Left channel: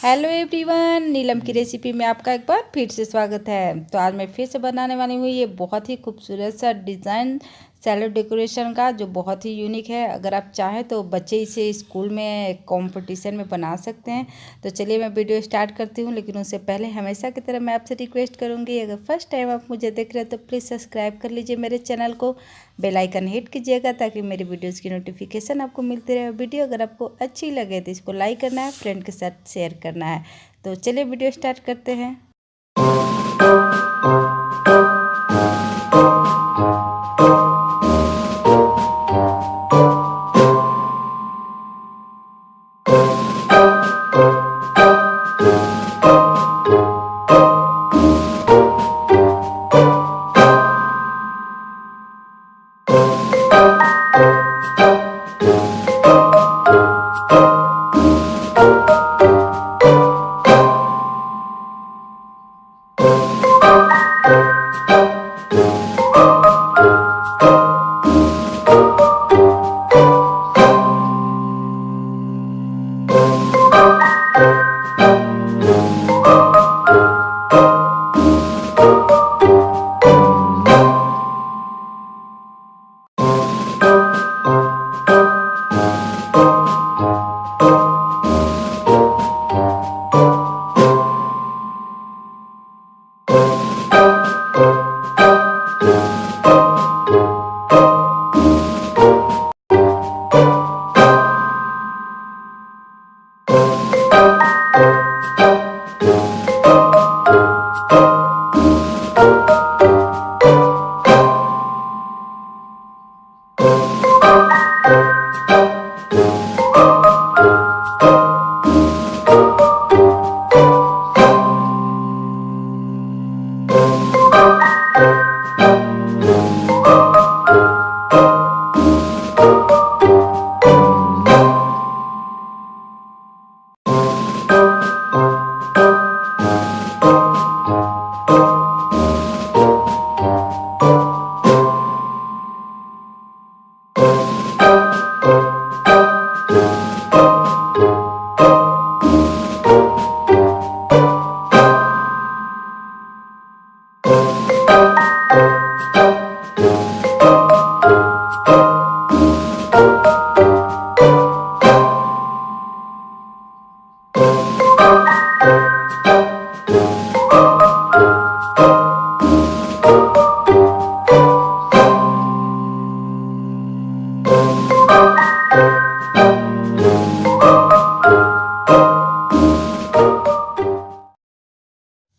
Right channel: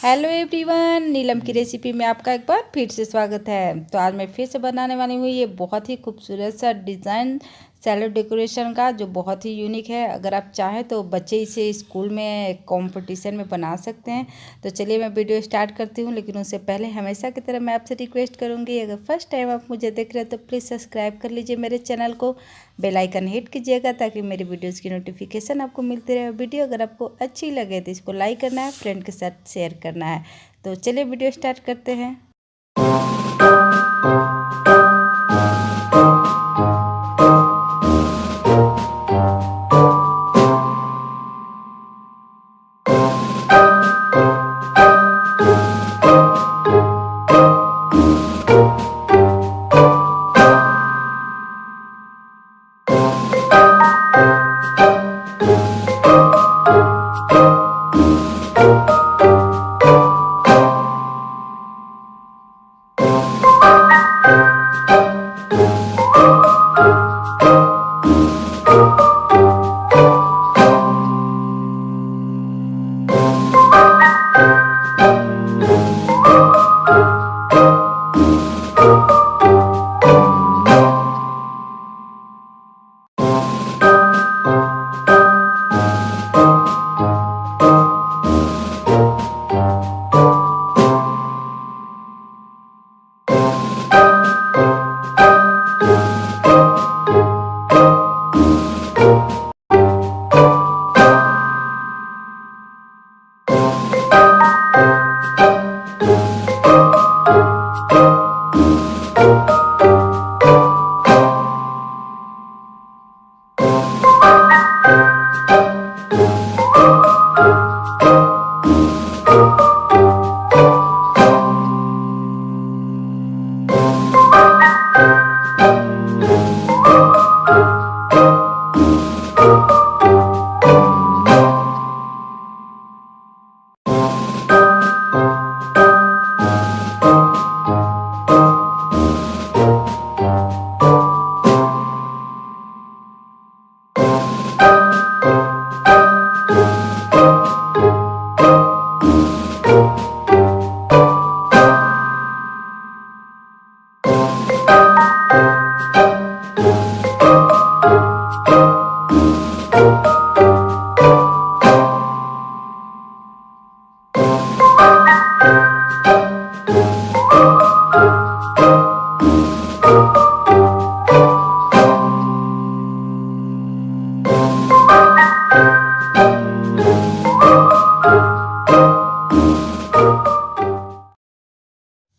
Hello everyone, नीलम की recipe में आपका एक बार फिर से स्वागत है। तो आज मैं फिर से बनाने वाली हूँ ये बहुत ही खूबसूरत सा डिज़ाइन सैलड डेकोरेशन का, जो बहुत ही यूनिक है। अगर आप चाहें तो बच्चे इसे स्कूल में कंपटीशन में बना सकते हैं। तो चलिए मैं वीडियो स्टार्ट करती हूँ, लेकिन उससे पहले हमेशा की तरह मैं आपसे रिक्वेस्ट करूँगी, अगर फर्स्ट टाइम आप मुझे देख रहे हैं तो प्लीज़ सब्सक्राइब कर लीजिए मेरे चैनल को, बेल आइकन हिट कीजिएगा ताकि मेरी वीडियोज़ की नोटिफिकेशन आपको मिलती रहे। वीडियो अगर आपको अच्छी लगे तो इसको लाइक करना है, फ्रेंड के साथ शेयर करना है। तो चलिए वीडियो स्टार्ट करते हैं।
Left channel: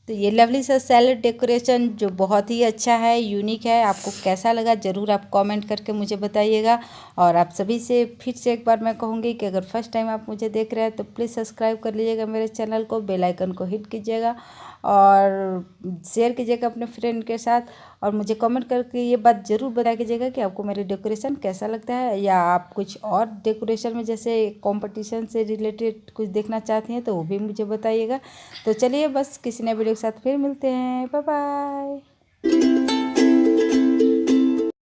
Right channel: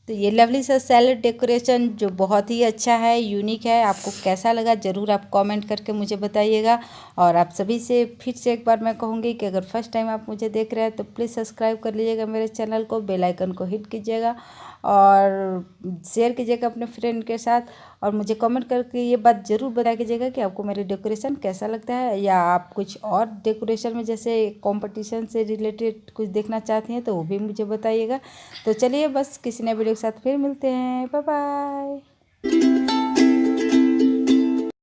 तो ये लवली सा सैलड डेकोरेशन जो बहुत ही अच्छा है, यूनिक है, आपको कैसा लगा ज़रूर आप कमेंट करके मुझे बताइएगा। और आप सभी से फिर से एक बार मैं कहूँगी कि अगर फर्स्ट टाइम आप मुझे देख रहे हैं तो प्लीज़ सब्सक्राइब कर लीजिएगा मेरे चैनल को, बेल आइकन को हिट कीजिएगा और शेयर कीजिएगा अपने फ्रेंड के साथ। और मुझे कमेंट करके ये बात ज़रूर बता कीजिएगा कि आपको मेरे डेकोरेशन कैसा लगता है, या आप कुछ और डेकोरेशन में जैसे कंपटीशन से रिलेटेड कुछ देखना चाहती हैं तो वो भी मुझे बताइएगा। तो चलिए बस किसी नए वीडियो के साथ फिर मिलते हैं। Bye bye.